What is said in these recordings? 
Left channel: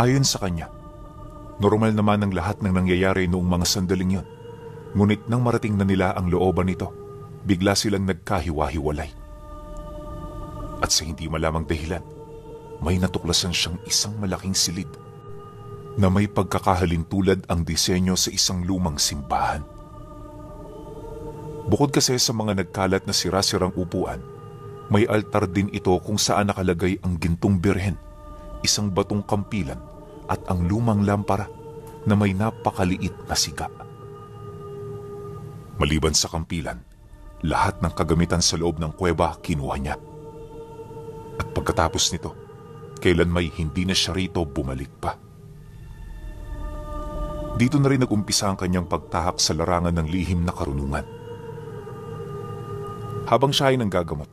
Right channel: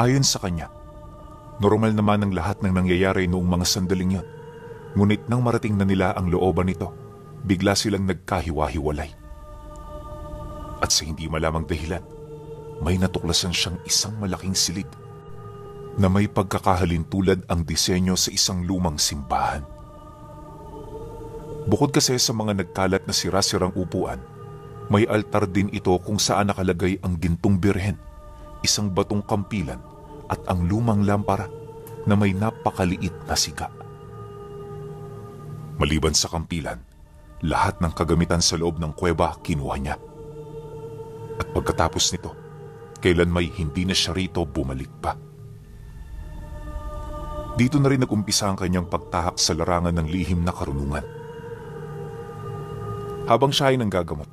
Ayon sa kanya, normal naman ang lahat ng nangyayari noong mga sandaling yon. Ngunit nang marating na nila ang looban nito, bigla silang nagkahiwa-hiwalay. At sa hindi malamang dahilan, may natuklasan siyang isang malaking silid na may pagkakahalin tulad ang disenyo sa isang lumang simbahan. Bukod kasi sa mga nagkalat na sira-sirang upuan, may altar din ito kung saan nakalagay ang gintong birhen, isang batong kampilan at ang lumang lampara na may napakaliit na siga. Maliban sa kampilan, lahat ng kagamitan sa loob ng kuweba kinuha niya. At pagkatapos nito, kailan may hindi na siya rito bumalik pa. Dito na rin nag-umpisa ang kanyang pagtahak sa larangan ng lihim na karunungan. Habang siya ay nanggagamot,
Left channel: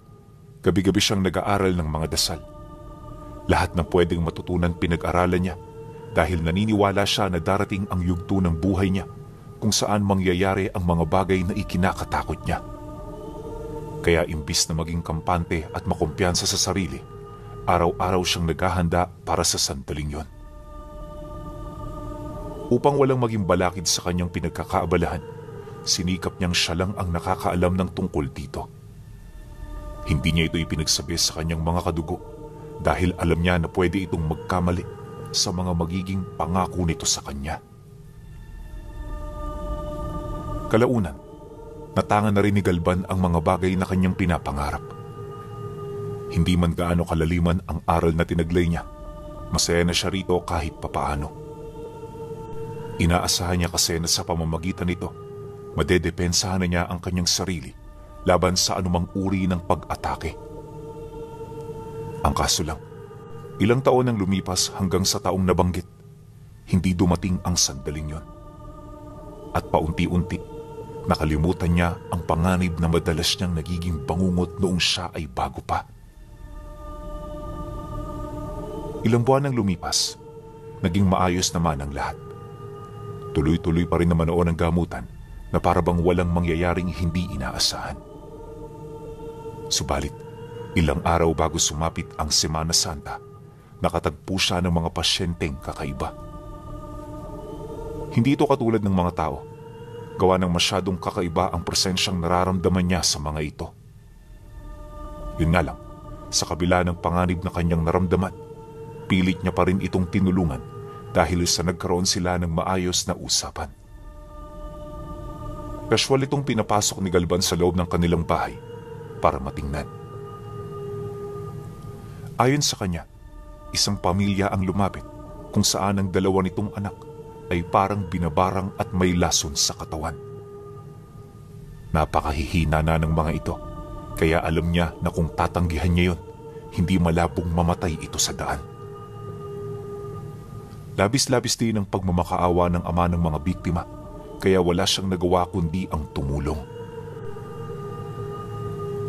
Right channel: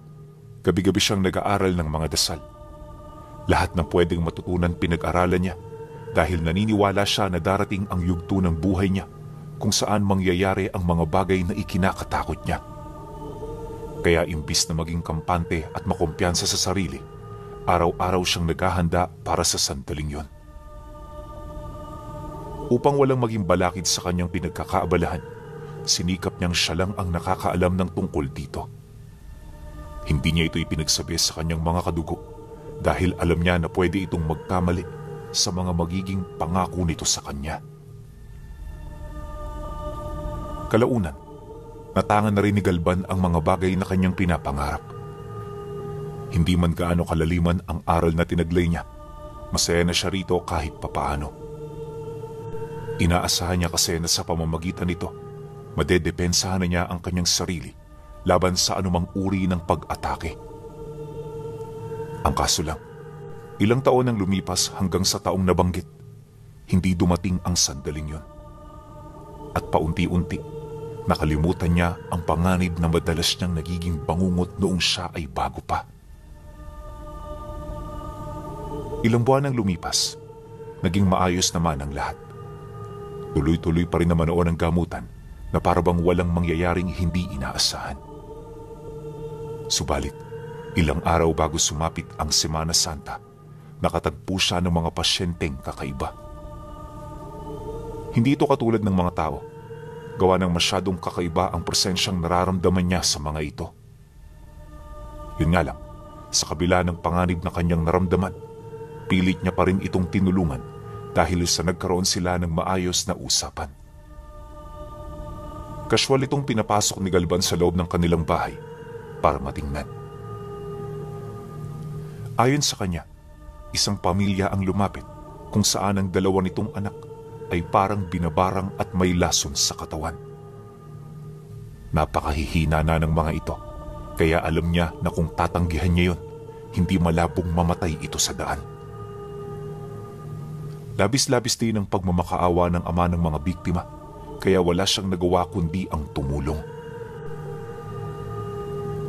gabi-gabi siyang nag-aaral ng mga dasal. Lahat ng pwedeng matutunan pinag-aralan niya dahil naniniwala siya na darating ang yugto ng buhay niya kung saan mangyayari ang mga bagay na ikinakatakot niya. Kaya imbis na maging kampante at makumpiyansa sa sarili, araw-araw siyang naghahanda para sa sandaling yon. Upang walang maging balakid sa kanyang pinagkakaabalahan, sinikap niyang siya lang ang nakakaalam ng tungkol dito. Hindi niya ito ipinagsabi sa kanyang mga kadugo dahil alam niya na pwede itong magkamali sa mga magiging pangako nito sa kanya. Kalaunan, natangan na rin ni Galban ang mga bagay na kanyang pinapangarap. Hindi man gaano kalaliman ang aral na tinaglay niya, masaya na siya rito kahit papaano. Inaasahan niya kasi na sa pamamagitan nito, madedepensahan na niya ang kanyang sarili laban sa anumang uri ng pag-atake. Ang kaso lang, ilang taon ang lumipas hanggang sa taong nabanggit, hindi dumating ang sandaling yon. At paunti-unti, nakalimutan niya ang panganib na madalas niyang nagiging bangungot noong siya ay bago pa. Ilang buwan ang lumipas, naging maayos naman ang lahat. Tuloy-tuloy pa rin naman noon ang gamutan na parabang walang mangyayaring hindi inaasahan. Subalit, ilang araw bago sumapit ang Semana Santa, nakatagpo siya ng mga pasyenteng kakaiba. Hindi ito katulad ng mga tao, gawa ng masyadong kakaiba ang presensyang nararamdaman niya sa mga ito. Yun nga lang, sa kabila ng panganib na kanyang naramdaman, pilit niya pa rin itong tinulungan dahil sa nagkaroon sila ng maayos na usapan. Casual itong pinapasok ni Galban sa loob ng kanilang bahay para matingnan. Ayon sa kanya, isang pamilya ang lumapit kung saan ang dalawa nitong anak ay parang binabarang at may lason sa katawan. Napakahihina na ng mga ito, kaya alam niya na kung tatanggihan niya yun, hindi malabong mamatay ito sa daan. Labis-labis din ang pagmamakaawa ng ama ng mga biktima, kaya wala siyang nagawa kundi ang tumulong.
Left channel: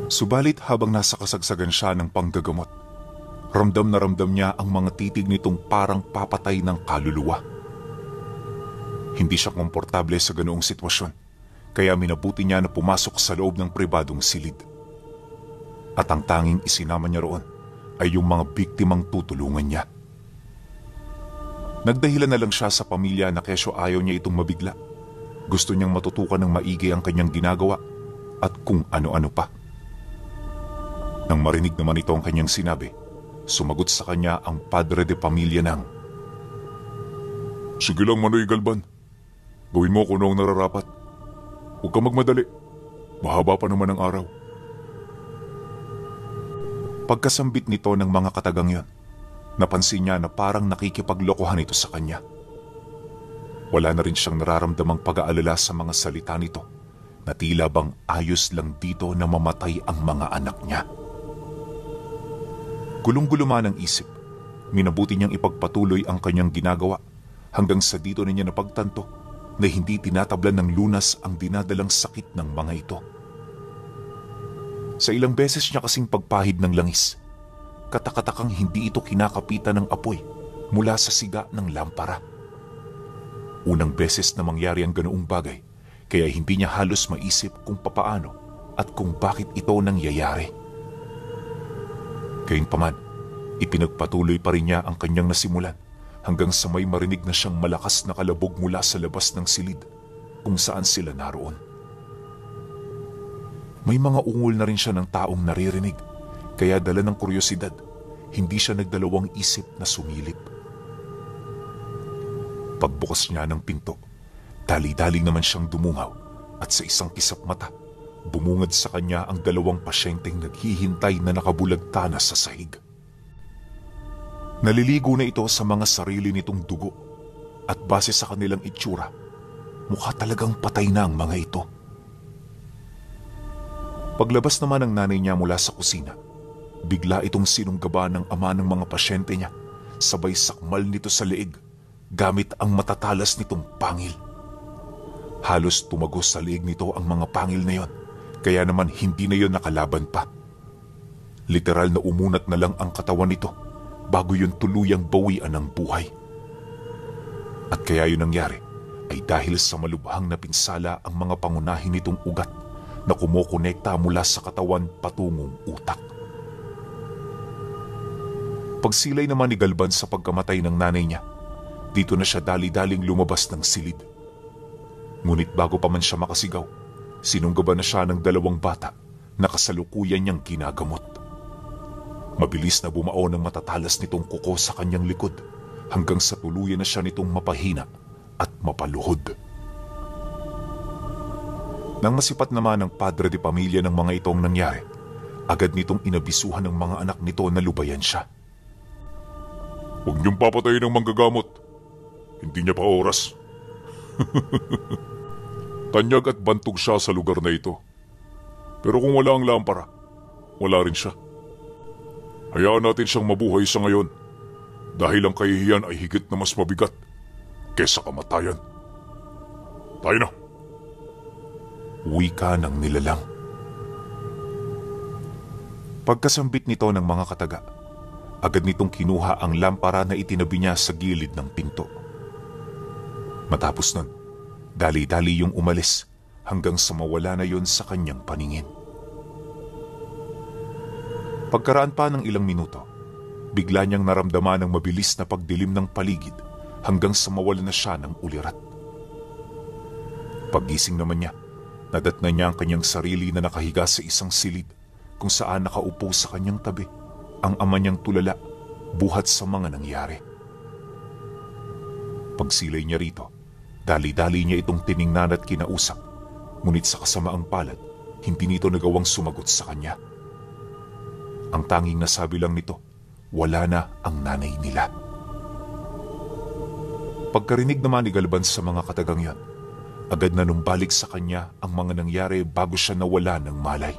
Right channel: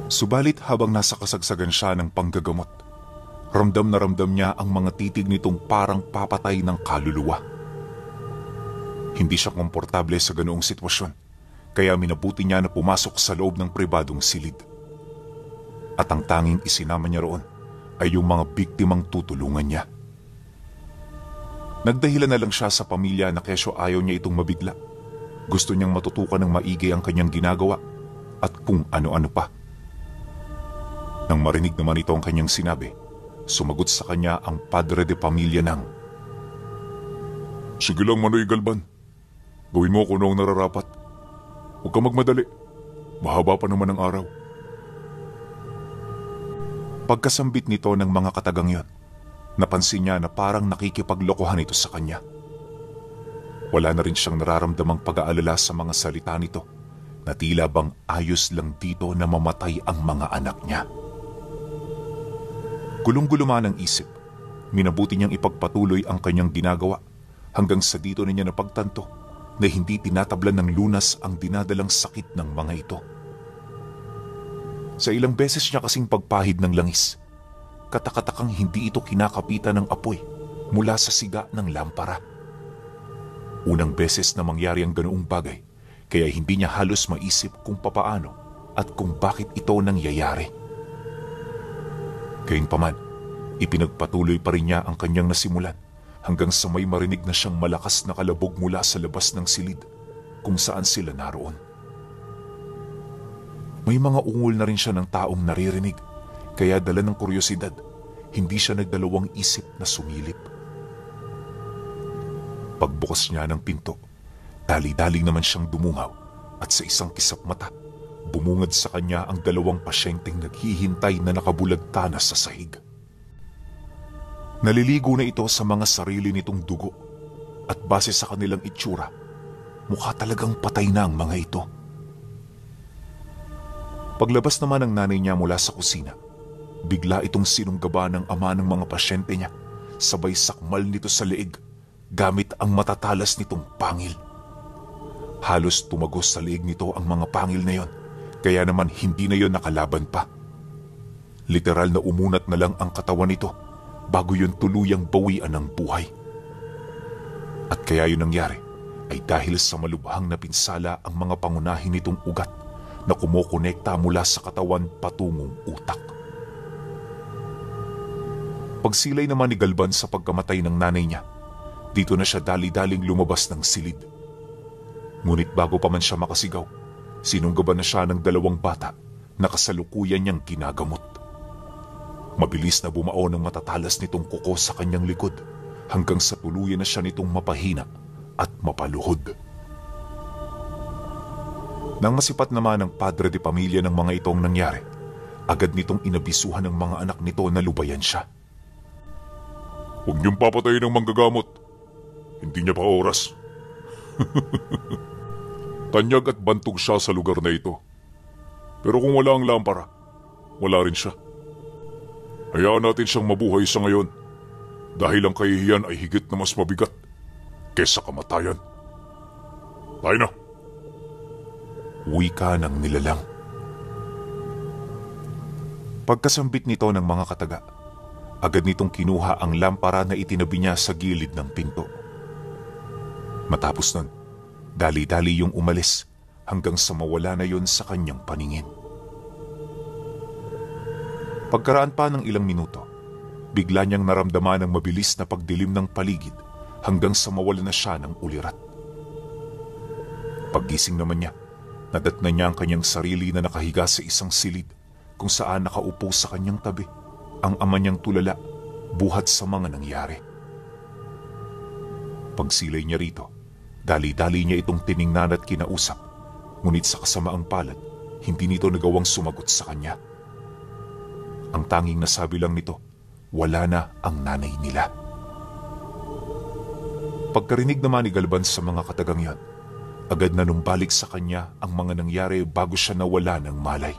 Subalit habang nasa kasagsagan siya ng panggagamot, ramdam na ramdam niya ang mga titig nitong parang papatay ng kaluluwa. Hindi siya komportable sa ganoong sitwasyon, kaya minabuti niya na pumasok sa loob ng pribadong silid. At ang tanging isinama niya roon ay yung mga biktimang tutulungan niya. Nagdahilan na lang siya sa pamilya na kesyo ayaw niya itong mabigla. Gusto niyang matutukan ng maigi ang kanyang ginagawa at kung ano-ano pa. Nang marinig naman ito ang kanyang sinabi, sumagot sa kanya ang padre de pamilya ng, "Sige lang, Manoy Galban. Gawin mo kung ano ang nararapat. Huwag kang magmadali. Mahaba pa naman ang araw." Pagkasambit nito ng mga katagang yon, napansin niya na parang nakikipaglokohan ito sa kanya. Wala na rin siyang nararamdamang pag-aalala sa mga salita nito na tila bang ayos lang dito na mamatay ang mga anak niya. Gulong-guluman ang isip, minabuti niyang ipagpatuloy ang kanyang ginagawa hanggang sa dito na niya napagtanto na hindi tinatablan ng lunas ang dinadalang sakit ng mga ito. Sa ilang beses niya kasing pagpahid ng langis, katakatakang hindi ito kinakapitan ng apoy mula sa siga ng lampara. Unang beses na mangyari ang ganoong bagay, kaya hindi niya halos maisip kung papaano at kung bakit ito nangyayari. Gayunpaman, ipinagpatuloy pa rin niya ang kanyang nasimulan hanggang sa may marinig na siyang malakas na kalabog mula sa labas ng silid kung saan sila naroon. May mga ungol na rin siya ng taong naririnig, kaya dala ng kuryosidad, hindi siya nagdalawang isip na sumilip. Pagbukas niya ng pinto, dali-dali naman siyang dumungaw at sa isang kisap mata, bumungad sa kanya ang dalawang pasyenteng naghihintay na nakabulagtana sa sahig. Naliligo na ito sa mga sarili nitong dugo at base sa kanilang itsura, mukha talagang patay na ang mga ito. Paglabas naman ng nanay niya mula sa kusina, bigla itong sinunggaba ng ama ng mga pasyente niya, sabay sakmal nito sa leeg gamit ang matatalas nitong pangil. Halos tumagos sa leeg nito ang mga pangil na yon, kaya naman hindi na yon nakalaban pa. Literal na umunat na lang ang katawan nito bago yun tuluyang bawian ng buhay. At kaya yun nangyari ay dahil sa malubhang na pinsala ang mga pangunahin nitong ugat na kumukonekta mula sa katawan patungong utak. Pagsilay naman ni Galban sa pagkamatay ng nanay niya, dito na siya dali-daling lumabas ng silid. Ngunit bago pa man siya makasigaw, sinunggaban na siya ng dalawang bata na kasalukuyan niyang ginagamot. Mabilis na bumao ng matatalas nitong kuko sa kanyang likod hanggang sa tuluyan na siya nitong mapahina at mapaluhod. Nang masipat naman ang padre de pamilya ng mga itong nangyari, agad nitong inabisuhan ng mga anak nito na lubayan siya. "Huwag niyong papatayin ng manggagamot. Hindi niya pa oras." Tanyag at bantog siya sa lugar na ito. Pero kung wala ang lampara, wala rin siya. Hayaan natin siyang mabuhay sa ngayon dahil ang kahihiyan ay higit na mas mabigat kaysa kamatayan. Tayo na! Wika ng nilalang. Pagkasambit nito ng mga kataga, agad nitong kinuha ang lampara na itinabi niya sa gilid ng pinto. Matapos nun, dali-dali yung umalis hanggang sa mawala na yun sa kanyang paningin. Pagkaraan pa ng ilang minuto, bigla niyang naramdaman ang mabilis na pagdilim ng paligid hanggang sa mawala na siya ng ulirat. Paggising naman niya, nadatnan niya ang kanyang sarili na nakahiga sa isang silid kung saan nakaupo sa kanyang tabi ang ama niyang tulala buhat sa mga nangyari. Pagsilay niya rito, dali-dali niya itong tiningnan at kinausap, ngunit sa kasamaang palad, hindi nito nagawang sumagot sa kanya. Ang tanging nasabi lang nito, wala na ang nanay nila. Pagkarinig naman ni Galban sa mga katagang yan, agad na numbalik sa kanya ang mga nangyari bago siya nawala ng malay.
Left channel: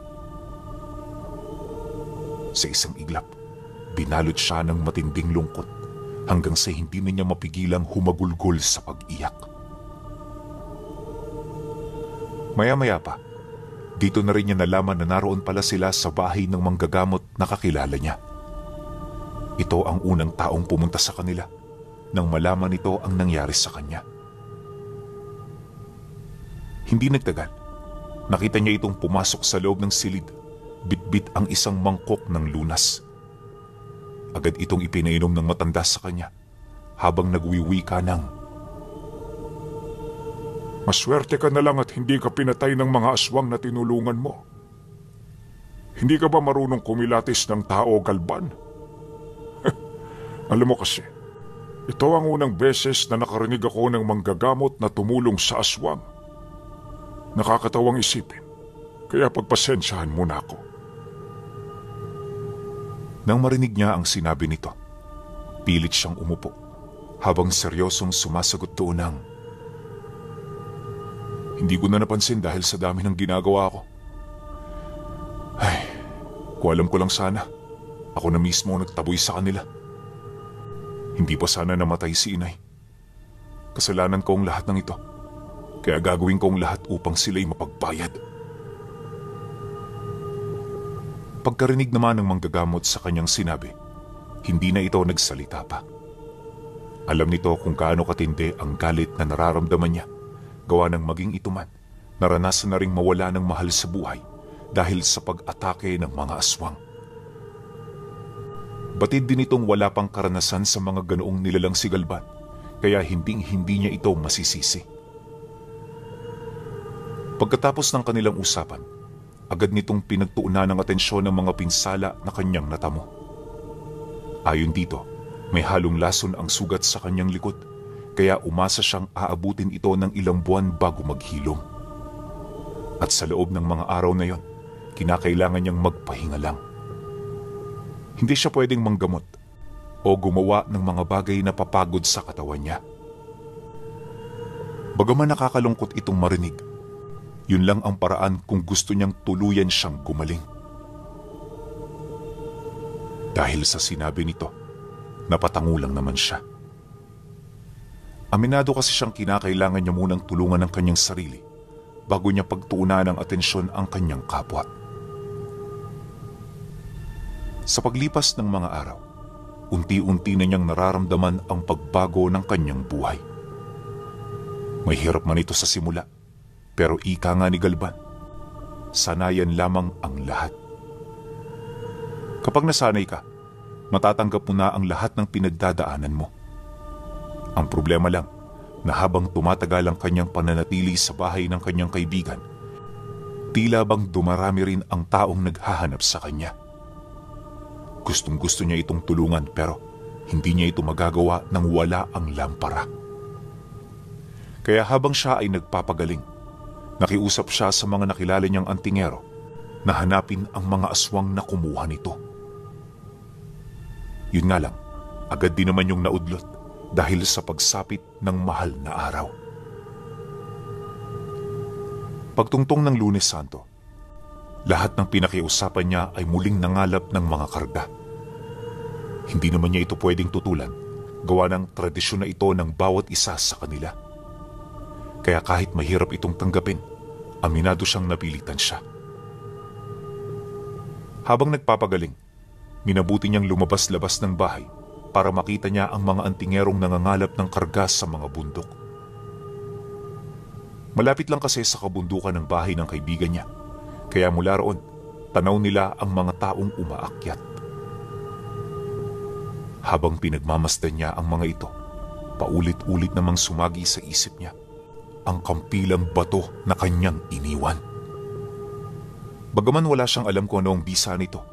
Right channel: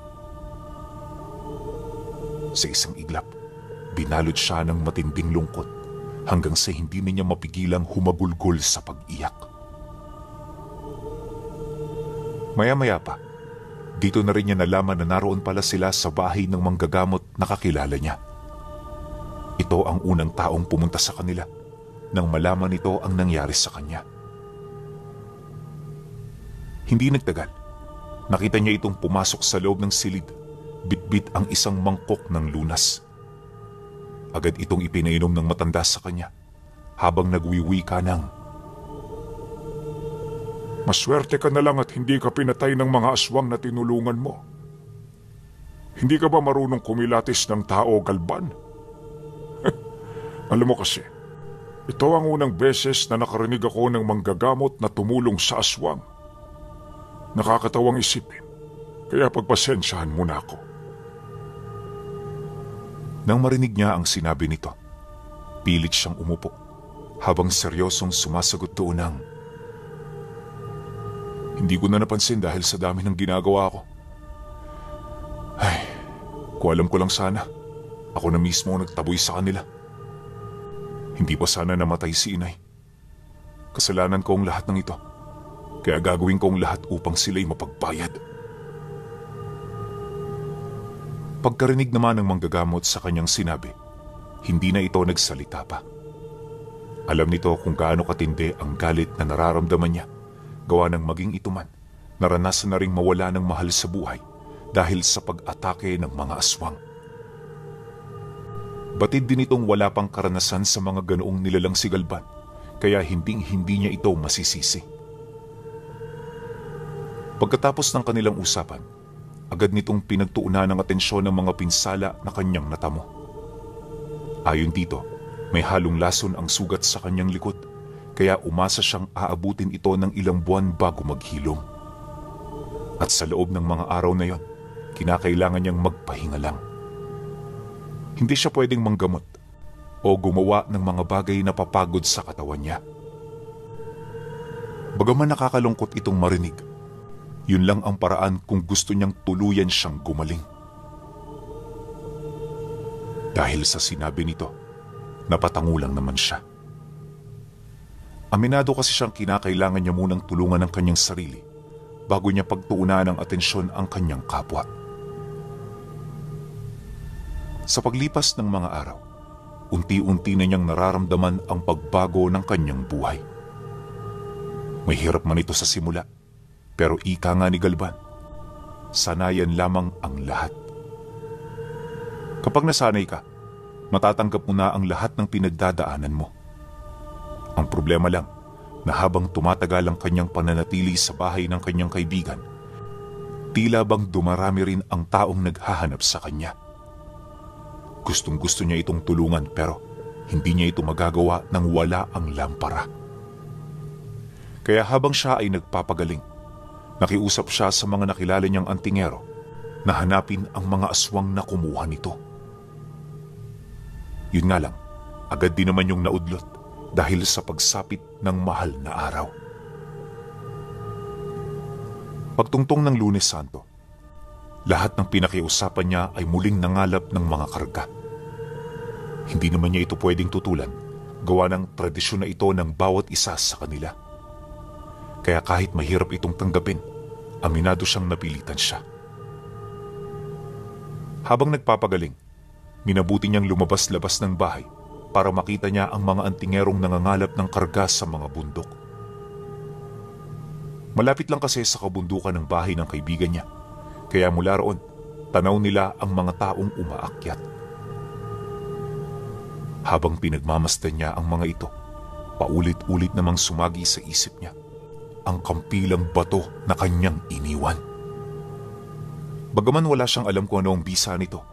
Sa isang iglap, binalot siya ng matinding lungkot hanggang sa hindi na niya mapigilang humagulgol sa pag-iyak. Maya-maya pa, dito na rin niya nalaman na naroon pala sila sa bahay ng manggagamot na kakilala niya. Ito ang unang taong pumunta sa kanila nang malaman nito ang nangyari sa kanya. Hindi nagtagal, nakita niya itong pumasok sa loob ng silid, bitbit ang isang mangkok ng lunas. Agad itong ipinainom ng matanda sa kanya habang nagwiwika ng, "Maswerte ka na lang at hindi ka pinatay ng mga aswang na tinulungan mo. Hindi ka ba marunong kumilatis ng tao, Galban?" Alam mo kasi, ito ang unang beses na nakarinig ako ng manggagamot na tumulong sa aswang. Nakakatawang isipin, kaya pagpasensyahan mo na ako. Nang marinig niya ang sinabi nito, pilit siyang umupo habang seryosong sumasagot doon ng, "Hindi ko na napansin dahil sa dami ng ginagawa ko. Ay, kung alam ko lang sana, ako na mismo ang nagtaboy sa kanila. Hindi pa sana namatay si inay. Kasalanan ko ang lahat ng ito, kaya gagawin ko ang lahat upang sila'y mapagbayad." Pagkarinig naman ng manggagamot sa kanyang sinabi, hindi na ito nagsalita pa. Alam nito kung gaano katindi ang galit na nararamdaman niya, gawa ng maging ito man, naranasan na ring mawala ng mahal sa buhay dahil sa pag-atake ng mga aswang. Batid din itong wala pang karanasan sa mga ganoong nilalang si Galban, kaya hindi niya ito masisisi. Pagkatapos ng kanilang usapan, agad nitong pinagtuunan ng atensyon ng mga pinsala na kanyang natamo. Ayon dito, may halong lason ang sugat sa kanyang likod, kaya umasa siyang aabutin ito ng ilang buwan bago maghilom. At sa loob ng mga araw na yon, kinakailangan niyang magpahinga lang. Hindi siya pwedeng manggamot o gumawa ng mga bagay na papagod sa katawan niya. Bagaman nakakalungkot itong marinig, yun lang ang paraan kung gusto niyang tuluyan siyang gumaling. Dahil sa sinabi nito, napatango lang naman siya. Aminado kasi siyang kinakailangan niya munang tulungan ang kanyang sarili bago niya pagtuunan ng atensyon ang kanyang kapwa. Sa paglipas ng mga araw, unti-unti na niyang nararamdaman ang pagbago ng kanyang buhay. May hirap man ito sa simula, pero ika nga ni Galban, sanayan lamang ang lahat. Kapag nasanay ka, matatanggap mo na ang lahat ng pinagdadaanan mo. Ang problema lang, na habang tumatagal ang kanyang pananatili sa bahay ng kanyang kaibigan, tila bang dumarami rin ang taong naghahanap sa kanya. Gustong-gusto niya itong tulungan pero hindi niya ito magagawa nang wala ang lampara. Kaya habang siya ay nagpapagaling, nakiusap siya sa mga nakilala niyang antingero na hanapin ang mga aswang na kumuha nito. Yun nga lang, agad din naman yung naudlot dahil sa pagsapit ng mahal na araw. Pagtungtong ng Lunes Santo, lahat ng pinakiusapan niya ay muling nangalap ng mga karga. Hindi naman niya ito pwedeng tutulan, gawa ng tradisyon na ito ng bawat isa sa kanila. Kaya kahit mahirap itong tanggapin, aminado siyang napilitan siya. Habang nagpapagaling, minabuti niyang lumabas-labas ng bahay para makita niya ang mga antingerong nangangalap ng karga sa mga bundok. Malapit lang kasi sa kabundukan ng bahay ng kaibigan niya, kaya mula roon, tanaw nila ang mga taong umaakyat. Habang pinagmamasdan niya ang mga ito, paulit-ulit namang sumagi sa isip niya ang kampilang bato na kanyang iniwan. Bagaman wala siyang alam kung ano ang bisa nito,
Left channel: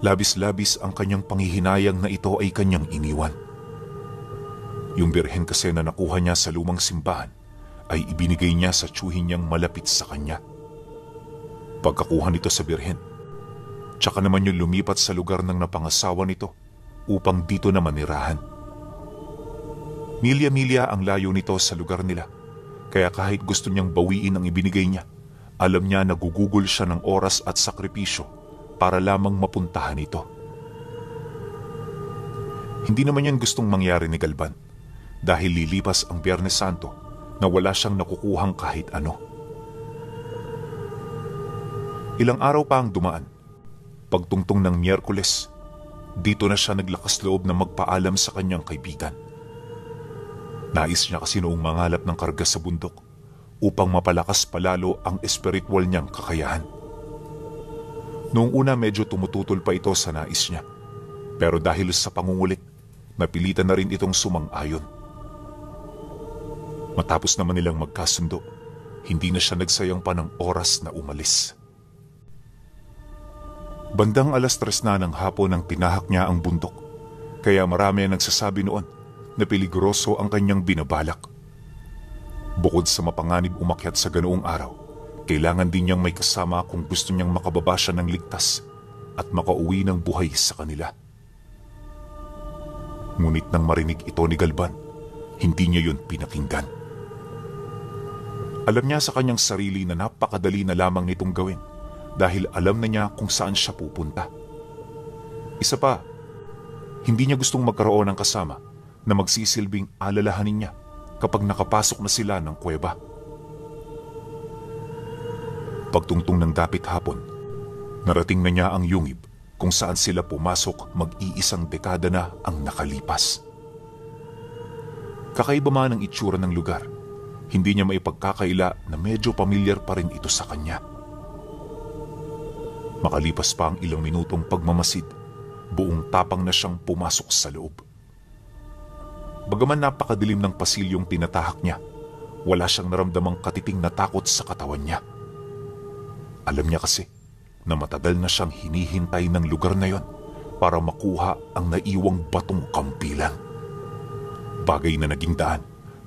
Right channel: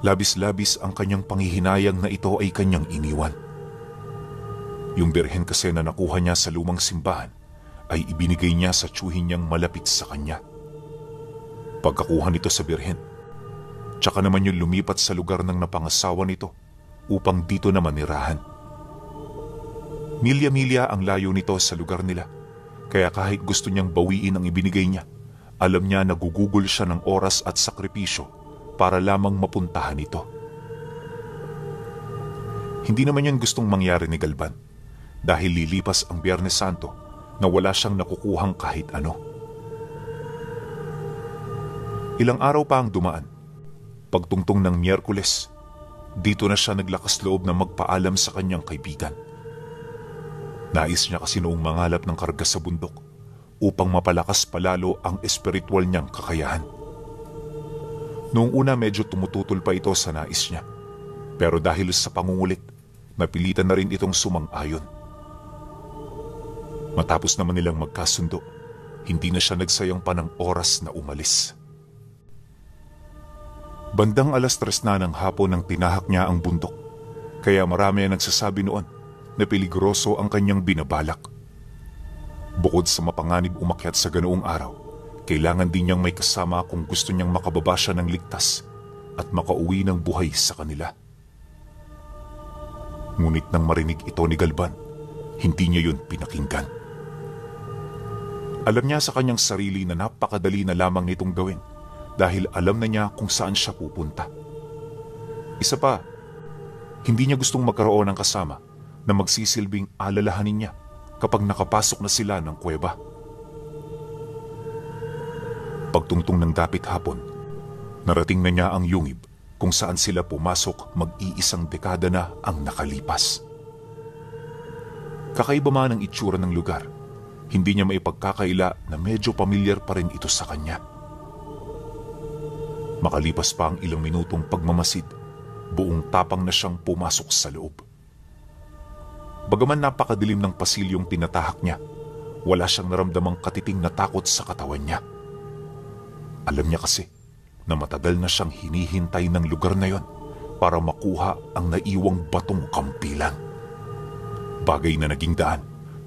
labis-labis ang kanyang panghihinayang na ito ay kanyang iniwan. Yung birhen kasi na nakuha niya sa lumang simbahan ay ibinigay niya sa tiyuhin niyang malapit sa kanya. Pagkakuha nito sa birhen, tsaka naman yung lumipat sa lugar ng napangasawa nito upang dito naman nirahan. Milya-milya ang layo nito sa lugar nila, kaya kahit gusto niyang bawiin ang ibinigay niya, alam niya na gugugol siya ng oras at sakripisyo para lamang mapuntahan ito. Hindi naman yan gustong mangyari ni Galban dahil lilipas ang Biyernes Santo na wala siyang nakukuhang kahit ano. Ilang araw pa ang dumaan. Pagtungtong ng Miyerkules, dito na siya naglakas loob na magpaalam sa kanyang kaibigan. Nais niya kasi noong mangalap ng karga sa bundok upang mapalakas palalo ang espiritual niyang kakayahan. Noong una medyo tumututol pa ito sa nais niya, pero dahil sa pangungulit, napilitan na rin itong sumang-ayon. Matapos naman nilang magkasundo, hindi na siya nagsayang pa ng oras na umalis. Bandang 3:00 na ng hapon nang tinahak niya ang bundok, kaya marami ang nagsasabi noon na peligroso ang kanyang binabalak. Bukod sa mapanganib umakyat sa ganoong araw, kailangan din niyang may kasama kung gusto niyang makababa siya ng ligtas at makauwi ng buhay sa kanila. Ngunit nang marinig ito ni Galban, hindi niya yun pinakinggan. Alam niya sa kanyang sarili na napakadali na lamang nitong gawin dahil alam na niya kung saan siya pupunta. Isa pa, hindi niya gustong magkaroon ng kasama na magsisilbing alalahanin niya kapag nakapasok na sila ng kuweba. Pagtungtong ng dapit hapon, narating na niya ang yungib kung saan sila pumasok mag-iisang dekada na ang nakalipas. Kakaiba man ang itsura ng lugar, hindi niya maipagkakaila na medyo pamilyar pa rin ito sa kanya. Makalipas pa ang ilang minutong pagmamasid, buong tapang na siyang pumasok sa loob. Bagaman napakadilim ng pasilyong tinatahak niya, wala siyang naramdamang katiting na takot sa katawan niya. Alam niya kasi na matagal na siyang hinihintay ng lugar na yon para makuha ang naiwang batong kampilan. Bagay na naging daan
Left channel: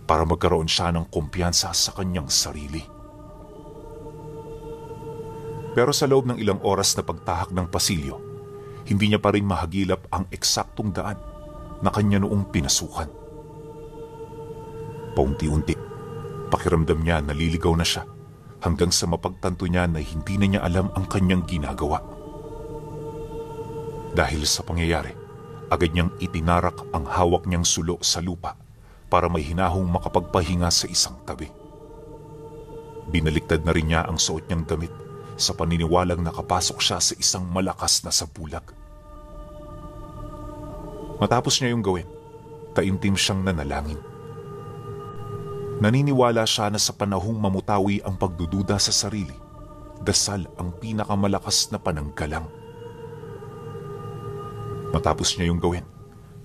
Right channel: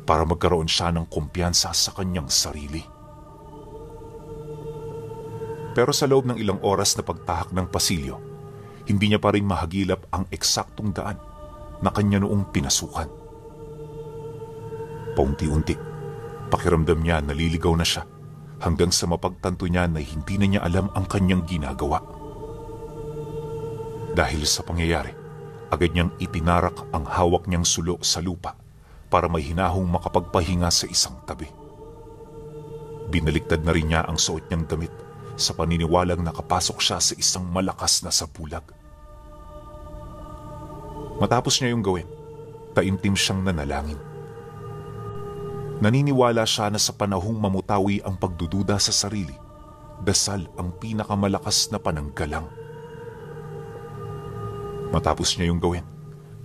para magkaroon siya ng kumpiyansa sa kanyang sarili. Pero sa loob ng ilang oras na pagtahak ng pasilyo, hindi niya pa rin mahagilap ang eksaktong daan na kanya noong pinasukan. Paunti-unti, pakiramdam niya naliligaw na siya hanggang sa mapagtanto niya na hindi na niya alam ang kanyang ginagawa. Dahil sa pangyayari, agad niyang itinarak ang hawak niyang sulo sa lupa para may hinahong makapagpahinga sa isang tabi. Binaliktad na rin niya ang suot niyang damit sa paniniwalang nakapasok siya sa isang malakas na sabulag. Matapos niya yung gawin, taimtim siyang nanalangin. Naniniwala siya na sa panahong mamutawi ang pagdududa sa sarili, dasal ang pinakamalakas na pananggalang. Matapos niya yung gawin,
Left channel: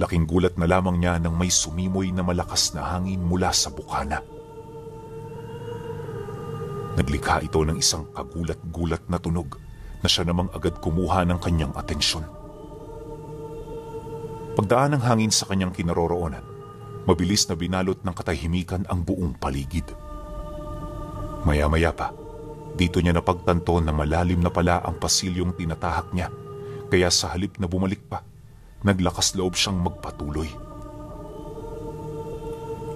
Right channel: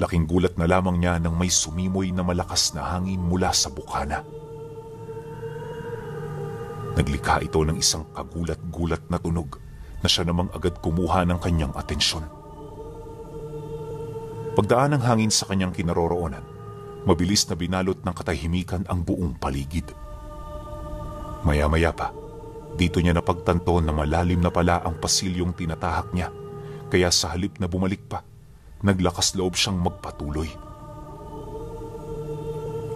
laking gulat na lamang niya nang may sumimoy na malakas na hangin mula sa bukana. Naglikha ito ng isang kagulat-gulat na tunog na siya namang agad kumuha ng kanyang atensyon. Pagdaan ng hangin sa kanyang kinaroroonan, mabilis na binalot ng katahimikan ang buong paligid. Maya-maya pa, dito niya napagtanto na malalim na pala ang pasilyong tinatahak niya, kaya sa halip na bumalik pa, naglakas loob siyang magpatuloy.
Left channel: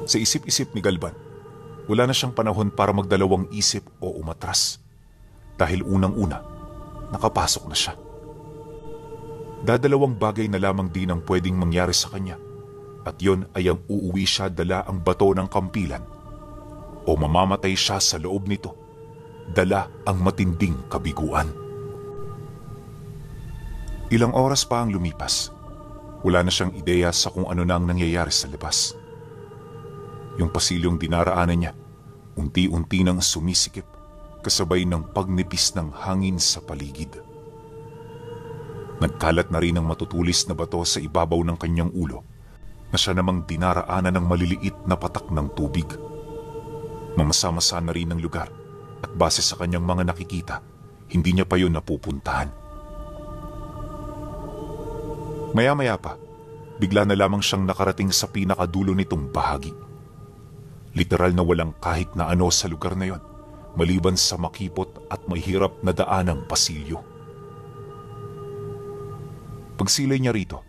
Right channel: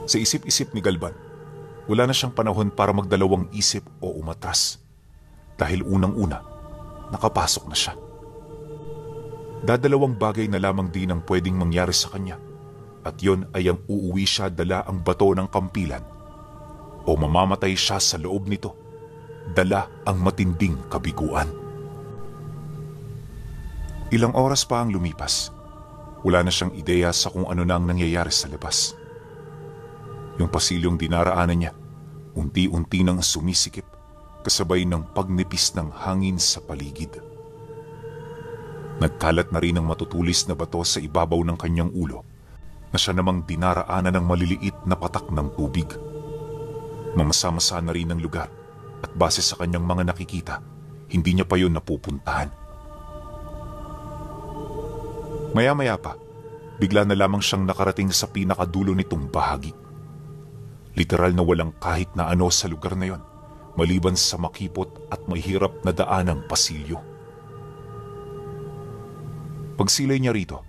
Sa isip-isip ni Galvan, wala na siyang panahon para magdalawang isip o umatras. Dahil unang-una, nakapasok na siya. Dadalawang bagay na lamang din ang pwedeng mangyari sa kanya, at yun ay ang uuwi siya dala ang bato ng kampilan o mamamatay siya sa loob nito, dala ang matinding kabiguan. Ilang oras pa ang lumipas. Wala na siyang ideya sa kung ano na ang nangyayari sa labas. Yung pasilyong dinaraanan niya, unti-unti nang sumisikip, kasabay ng pagnipis ng hangin sa paligid. Nagkalat na rin ang matutulis na bato sa ibabaw ng kanyang ulo, na siya namang dinaraanan ng maliliit na patak ng tubig. Mamasa-masa na rin ang lugar, at base sa kanyang mga nakikita, hindi niya pa yun napupuntahan. Maya-maya pa, bigla na lamang siyang nakarating sa pinakadulo nitong bahagi. Literal na walang kahit na ano sa lugar na yon, maliban sa makipot at mahirap na daanang pasilyo. Pagsilay niya rito,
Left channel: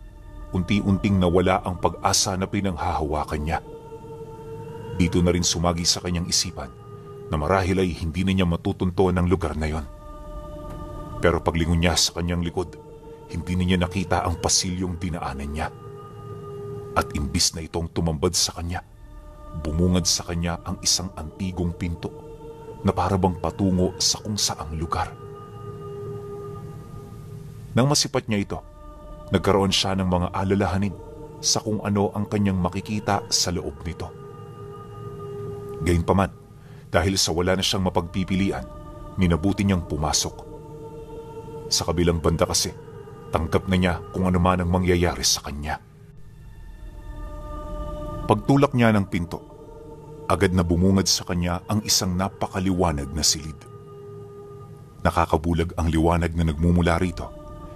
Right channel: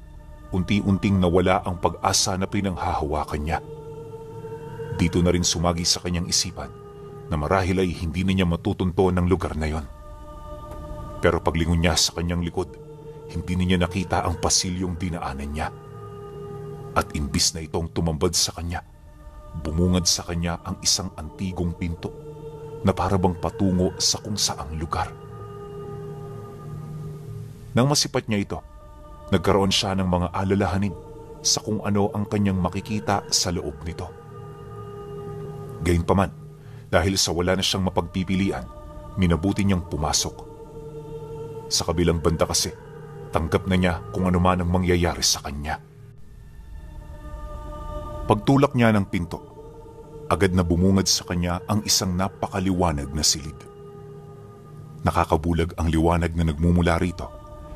unti-unting nawala ang pag-asa na pinanghahawakan niya. Dito na rin sumagi sa kanyang isipan na marahil ay hindi na niya matutunto ng lugar na yon. Pero paglingon niya sa kanyang likod, hindi na niya nakita ang pasilyong dinaanin niya. At imbis na itong tumambad sa kanya, bumungad sa kanya ang isang antigong pinto na parabang patungo sa kung saang lugar. Nang masipat niya ito, nagkaroon siya ng mga alalahanin sa kung ano ang kanyang makikita sa loob nito. Gayunpaman, dahil sa wala na siyang mapagpipilian, minabuti niyang pumasok. Sa kabilang banda kasi, tanggap na niya kung ano man ang mangyayari sa kanya. Pagtulak niya ng pinto, agad na bumungad sa kanya ang isang napakaliwanag na silid. Nakakabulag ang liwanag na nagmumula rito,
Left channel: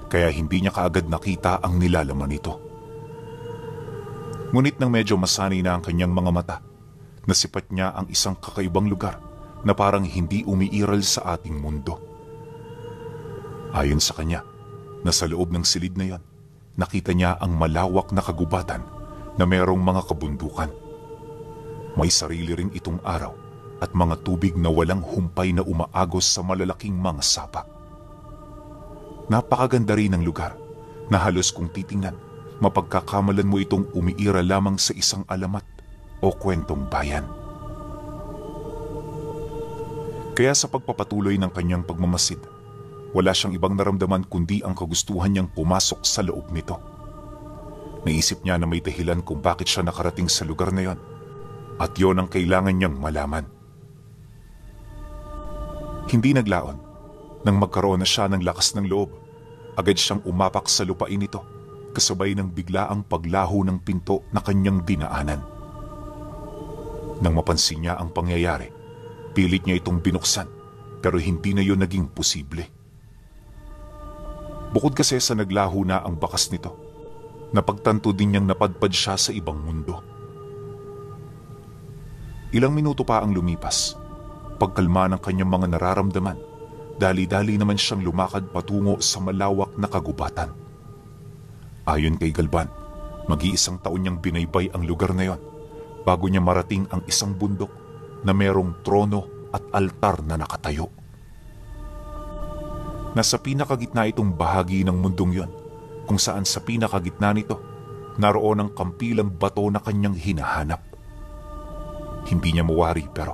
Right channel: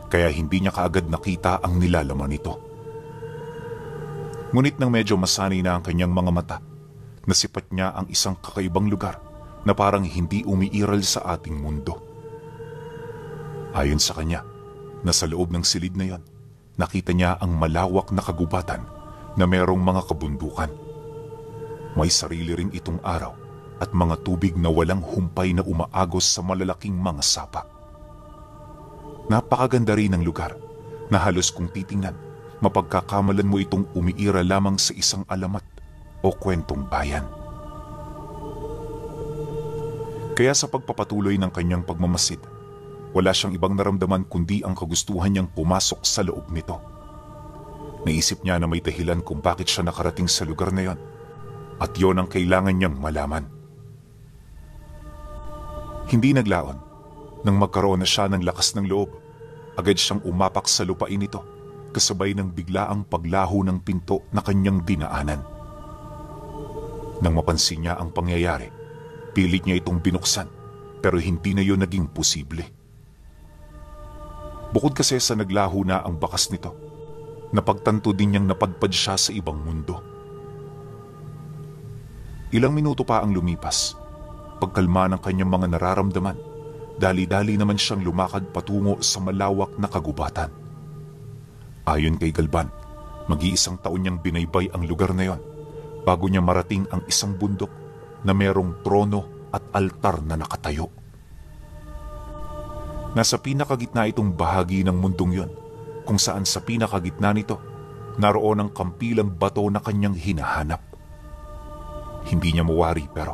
kaya hindi niya kaagad nakita ang nilalaman nito. Ngunit nang medyo masanay na ang kanyang mga mata, nasipat niya ang isang kakaibang lugar na parang hindi umiiral sa ating mundo. Ayon sa kanya, nasa loob ng silid na yon, nakita niya ang malawak na kagubatan na merong mga kabundukan. May sarili rin itong araw at mga tubig na walang humpay na umaagos sa malalaking mga sapa. Napakaganda rin ng lugar na halos kung titingnan, mapagkakamalan mo itong umiira lamang sa isang alamat o kwentong bayan. Kaya sa pagpapatuloy ng kanyang pagmamasid, wala siyang ibang naramdaman kundi ang kagustuhan niyang pumasok sa loob nito. Naisip niya na may dahilan kung bakit siya nakarating sa lugar na yon, at yon ang kailangan niyang malaman. Hindi naglaon. Nang magkaroon na siya ng lakas ng loob, agad siyang umapak sa lupain nito kasabay ng biglaang paglaho ng pinto na kanyang dinaanan. Nang mapansin niya ang pangyayari, pilit niya itong binuksan, pero hindi na yun naging posible. Bukod kasi sa naglaho na ang bakas nito, napagtanto din niyang napadpad siya sa ibang mundo. Ilang minuto pa ang lumipas. Pagkalma ng kanyang mga nararamdaman, dali-dali naman siyang lumakad patungo sa malawak na kagubatan. Ayon kay Galban, mag-iisang taon niyang binaybay ang lugar na yon bago niya marating ang isang bundok na merong trono at altar na nakatayo. Nasa pinakagitna itong bahagi ng mundong yon, kung saan sa pinakagitna nito, naroon ang kampilang bato na kanyang hinahanap. Hindi niya mawari pero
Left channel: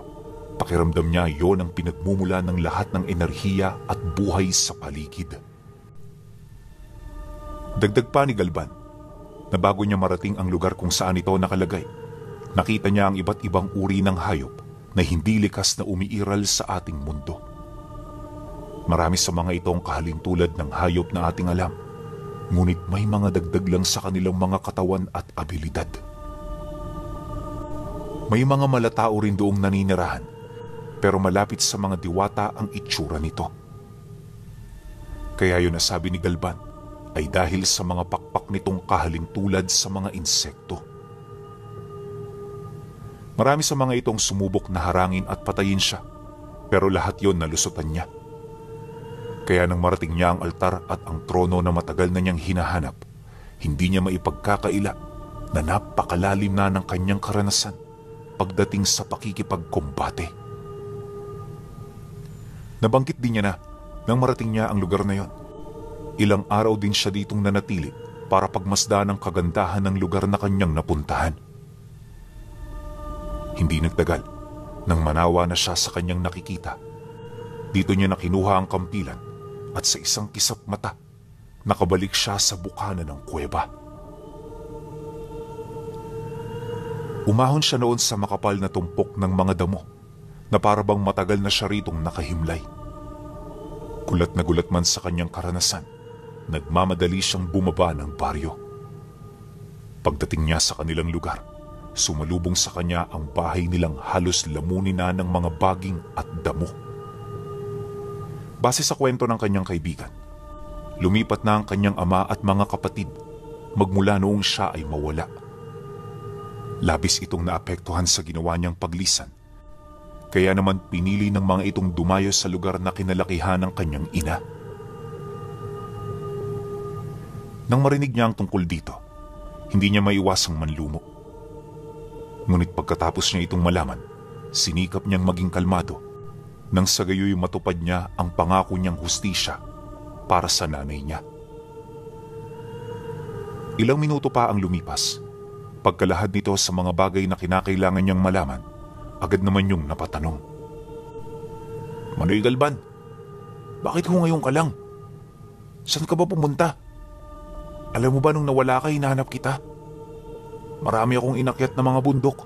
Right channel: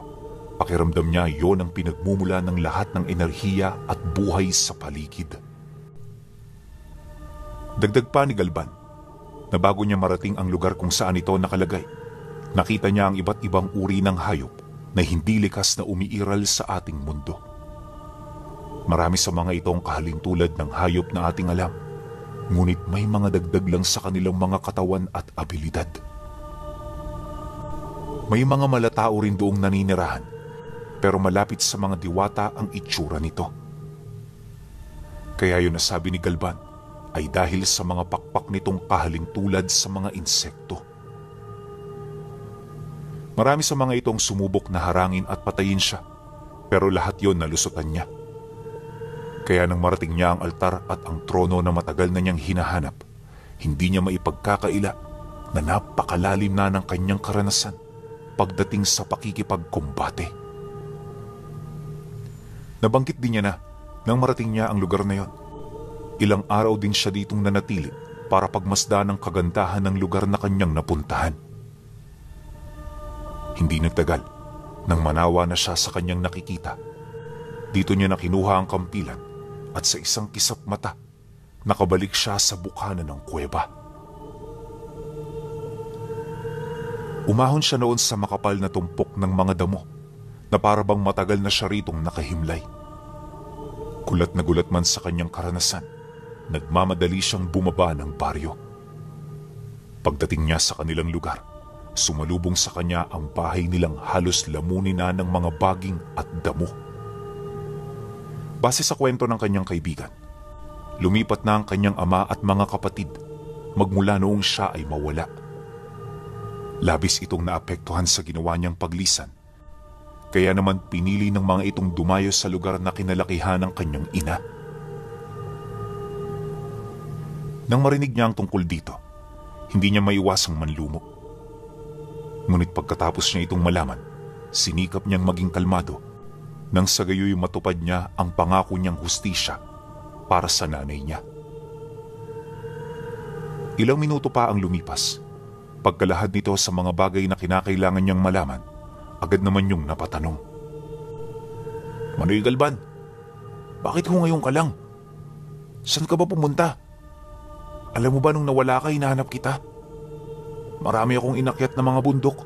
pakiramdam niya yon ang pinagmumula ng lahat ng enerhiya at buhay sa paligid. Dagdag pa ni Galban, na bago niya marating ang lugar kung saan ito nakalagay, nakita niya ang iba't ibang uri ng hayop na hindi likas na umiiral sa ating mundo. Marami sa mga itong kahalintulad ng hayop na ating alam, ngunit may mga dagdag lang sa kanilang mga katawan at abilidad. May mga malatao rin doong naninirahan, pero malapit sa mga diwata ang itsura nito. Kaya yun nasabi ni Galban ay dahil sa mga pakpak nitong kahalintulad sa mga insekto. Marami sa mga itong sumubok na harangin at patayin siya, pero lahat yon nalusutan niya. Kaya nang marating niya ang altar at ang trono na matagal na niyang hinahanap, hindi niya maipagkakaila na napakalalim na ng kanyang karanasan pagdating sa pakikipagkumbate. Nabanggit din niya na nang marating niya ang lugar na yon, ilang araw din siya ditong nanatili para pagmasdan ang kagandahan ng lugar na kanyang napuntahan. Hindi nagtagal, nang manawa na siya sa kanyang nakikita, dito niya nakinuha ang kampilan at sa isang kisap mata, nakabalik siya sa bukana ng kuweba. Umahon siya noon sa makapal na tumpok ng mga damo na parabang matagal na siya ritong nakahimlay. Gulat na gulat man sa kanyang karanasan, nagmamadali siyang bumaba ng baryo. Pagdating niya sa kanilang lugar, sumalubong sa kanya ang bahay nilang halos lamunin na ng mga baging at damo. Base sa kwento ng kanyang kaibigan, lumipat na ang kanyang ama at mga kapatid magmula noong siya ay mawala. Labis itong naapektuhan sa ginawa niyang paglisan, kaya naman pinili ng mga itong dumayo sa lugar na kinalakihan ng kanyang ina. Nang marinig niya ang tungkol dito, hindi niya maiwasang manlumo. Ngunit pagkatapos niya itong malaman, sinikap niyang maging kalmado nang sa gayoy matupad niya ang pangako niyang hustisya para sa nanay niya. Ilang minuto pa ang lumipas. Pagkalahad nito sa mga bagay na kinakailangan niyang malaman, agad naman yung napatanong. Manoy Galban, bakit ho ngayon ka lang? Saan ka ba pumunta? Alam mo ba nung nawala ka, hinahanap kita? Marami akong inakyat na mga bundok,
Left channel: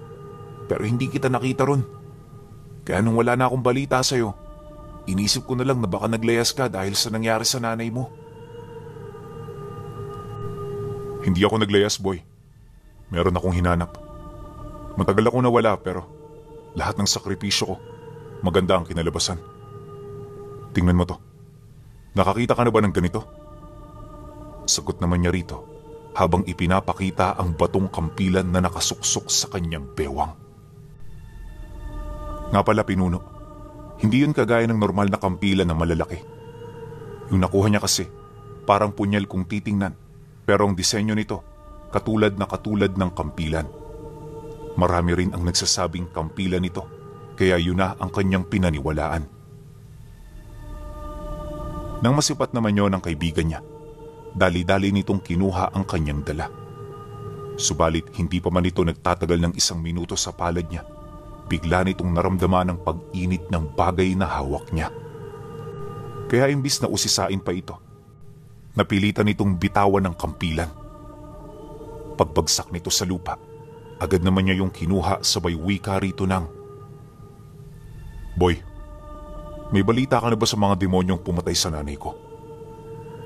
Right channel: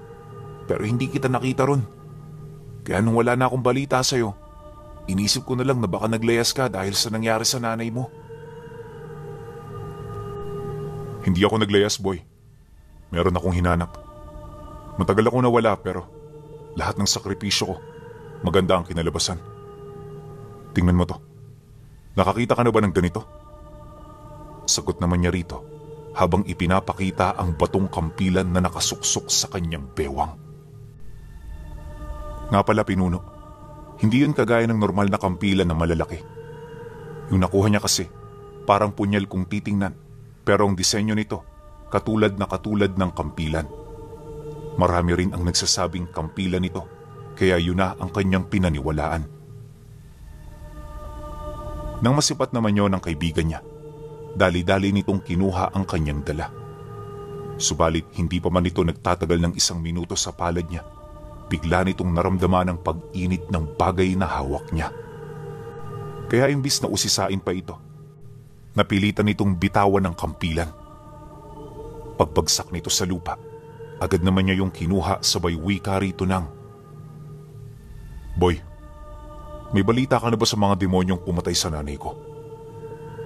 pero hindi kita nakita ron. Kaya nung wala na akong balita sa'yo, inisip ko na lang na baka naglayas ka dahil sa nangyari sa nanay mo. Hindi ako naglayas, boy. Meron akong hinanap. Matagal ako nawala pero lahat ng sakripisyo ko, maganda ang kinalabasan. Tingnan mo to. Nakakita ka na ba ng ganito? Sagot naman niya rito habang ipinapakita ang batong kampilan na nakasuksok sa kanyang bewang. Nga pala pinuno, hindi yun kagaya ng normal na kampilan na malalaki. Yung nakuha niya kasi, parang punyal kung titingnan, pero ang disenyo nito, katulad ng kampilan. Marami rin ang nagsasabing kampilan nito, kaya yun na ang kanyang pinaniwalaan. Nang masipat naman yun ang kaibigan niya, dali-dali nitong kinuha ang kanyang dala. Subalit hindi pa man ito nagtatagal ng 1 minuto sa palad niya, bigla nitong naramdaman ang pag-init ng bagay na hawak niya. Kaya imbis na usisain pa ito, napilitan nitong bitawan ng kampilan. Pagbagsak nito sa lupa, agad naman niya yung kinuha sabay wika rito ng, Boy, may balita ka na ba sa mga demonyong pumatay sa nanay ko?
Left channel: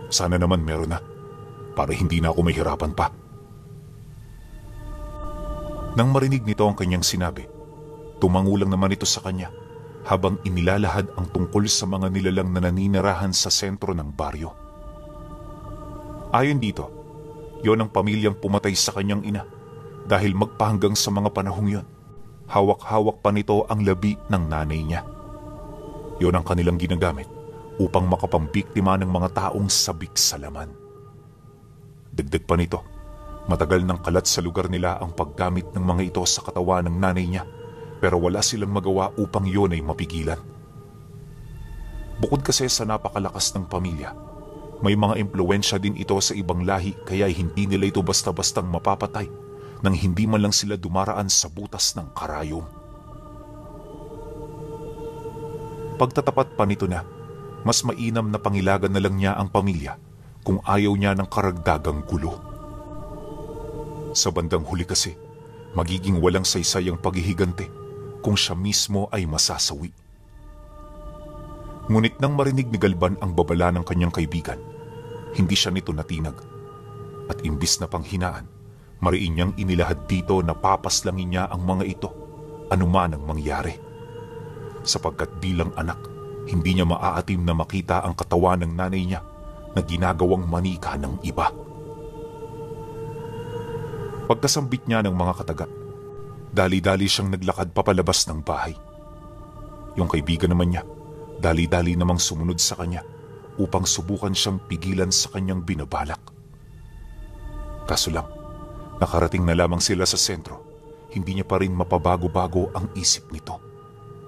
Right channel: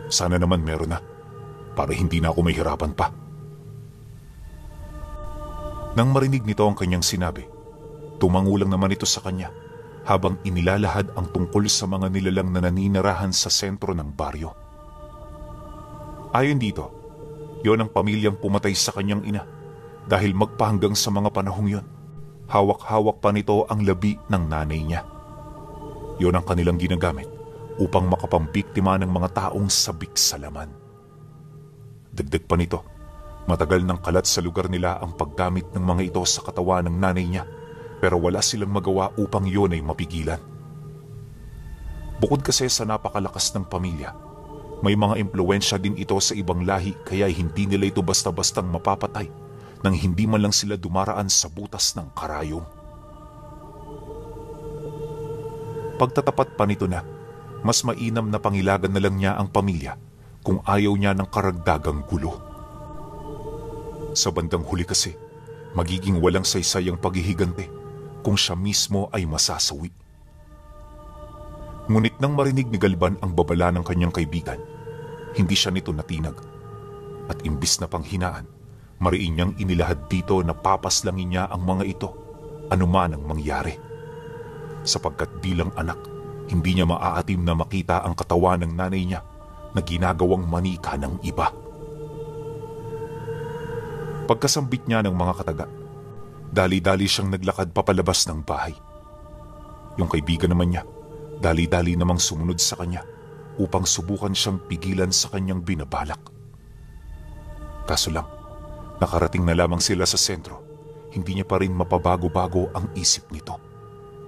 Sana naman meron na. para hindi na ako may harapan pa. Nang marinig nito ang kanyang sinabi, tumango lang naman ito sa kanya habang inilalahad ang tungkol sa mga nilalang na naninirahan sa sentro ng baryo. Ayon dito, yon ang pamilyang pumatay sa kanyang ina dahil magpahanggang sa mga panahong yon. Hawak-hawak pa nito ang labi ng nanay niya. Yon ang kanilang ginagamit upang makapambiktima ng mga taong sabik sa laman. Dagdag pa nito, matagal nang kalat sa lugar nila ang paggamit ng mga ito sa katawan ng nanay niya, pero wala silang magawa upang yun ay mapigilan. Bukod kasi sa napakalakas ng pamilya, may mga impluensya din ito sa ibang lahi kaya hindi nila ito basta-bastang mapapatay nang hindi man lang sila dumaraan sa butas ng karayom. Pagtatapat pa nito na, mas mainam na pangilagan na lang niya ang pamilya kung ayaw niya ng karagdagang gulo. Sa bandang huli kasi, magiging walang saysay ang paghihigante kung siya mismo ay masasawi. Ngunit nang marinig ni Galban ang babala ng kanyang kaibigan, hindi siya nito natinag. At imbis na panghinaan, mariin niyang inilahad dito na papaslangin niya ang mga ito, anuman ang mangyari. Sapagkat bilang anak, hindi niya maaatim na makita ang katawan ng nanay niya na ginagawang manika ng iba. Pagkasambit niya ng mga kataga, dali-dali siyang naglakad papalabas ng bahay. Yung kaibigan naman niya, dali-dali namang sumunod sa kanya upang subukan siyang pigilan sa kanyang binabalak. Kaso lang, nakarating na lamang sila sa sentro, hindi niya pa rin mapabago-bago ang isip nito.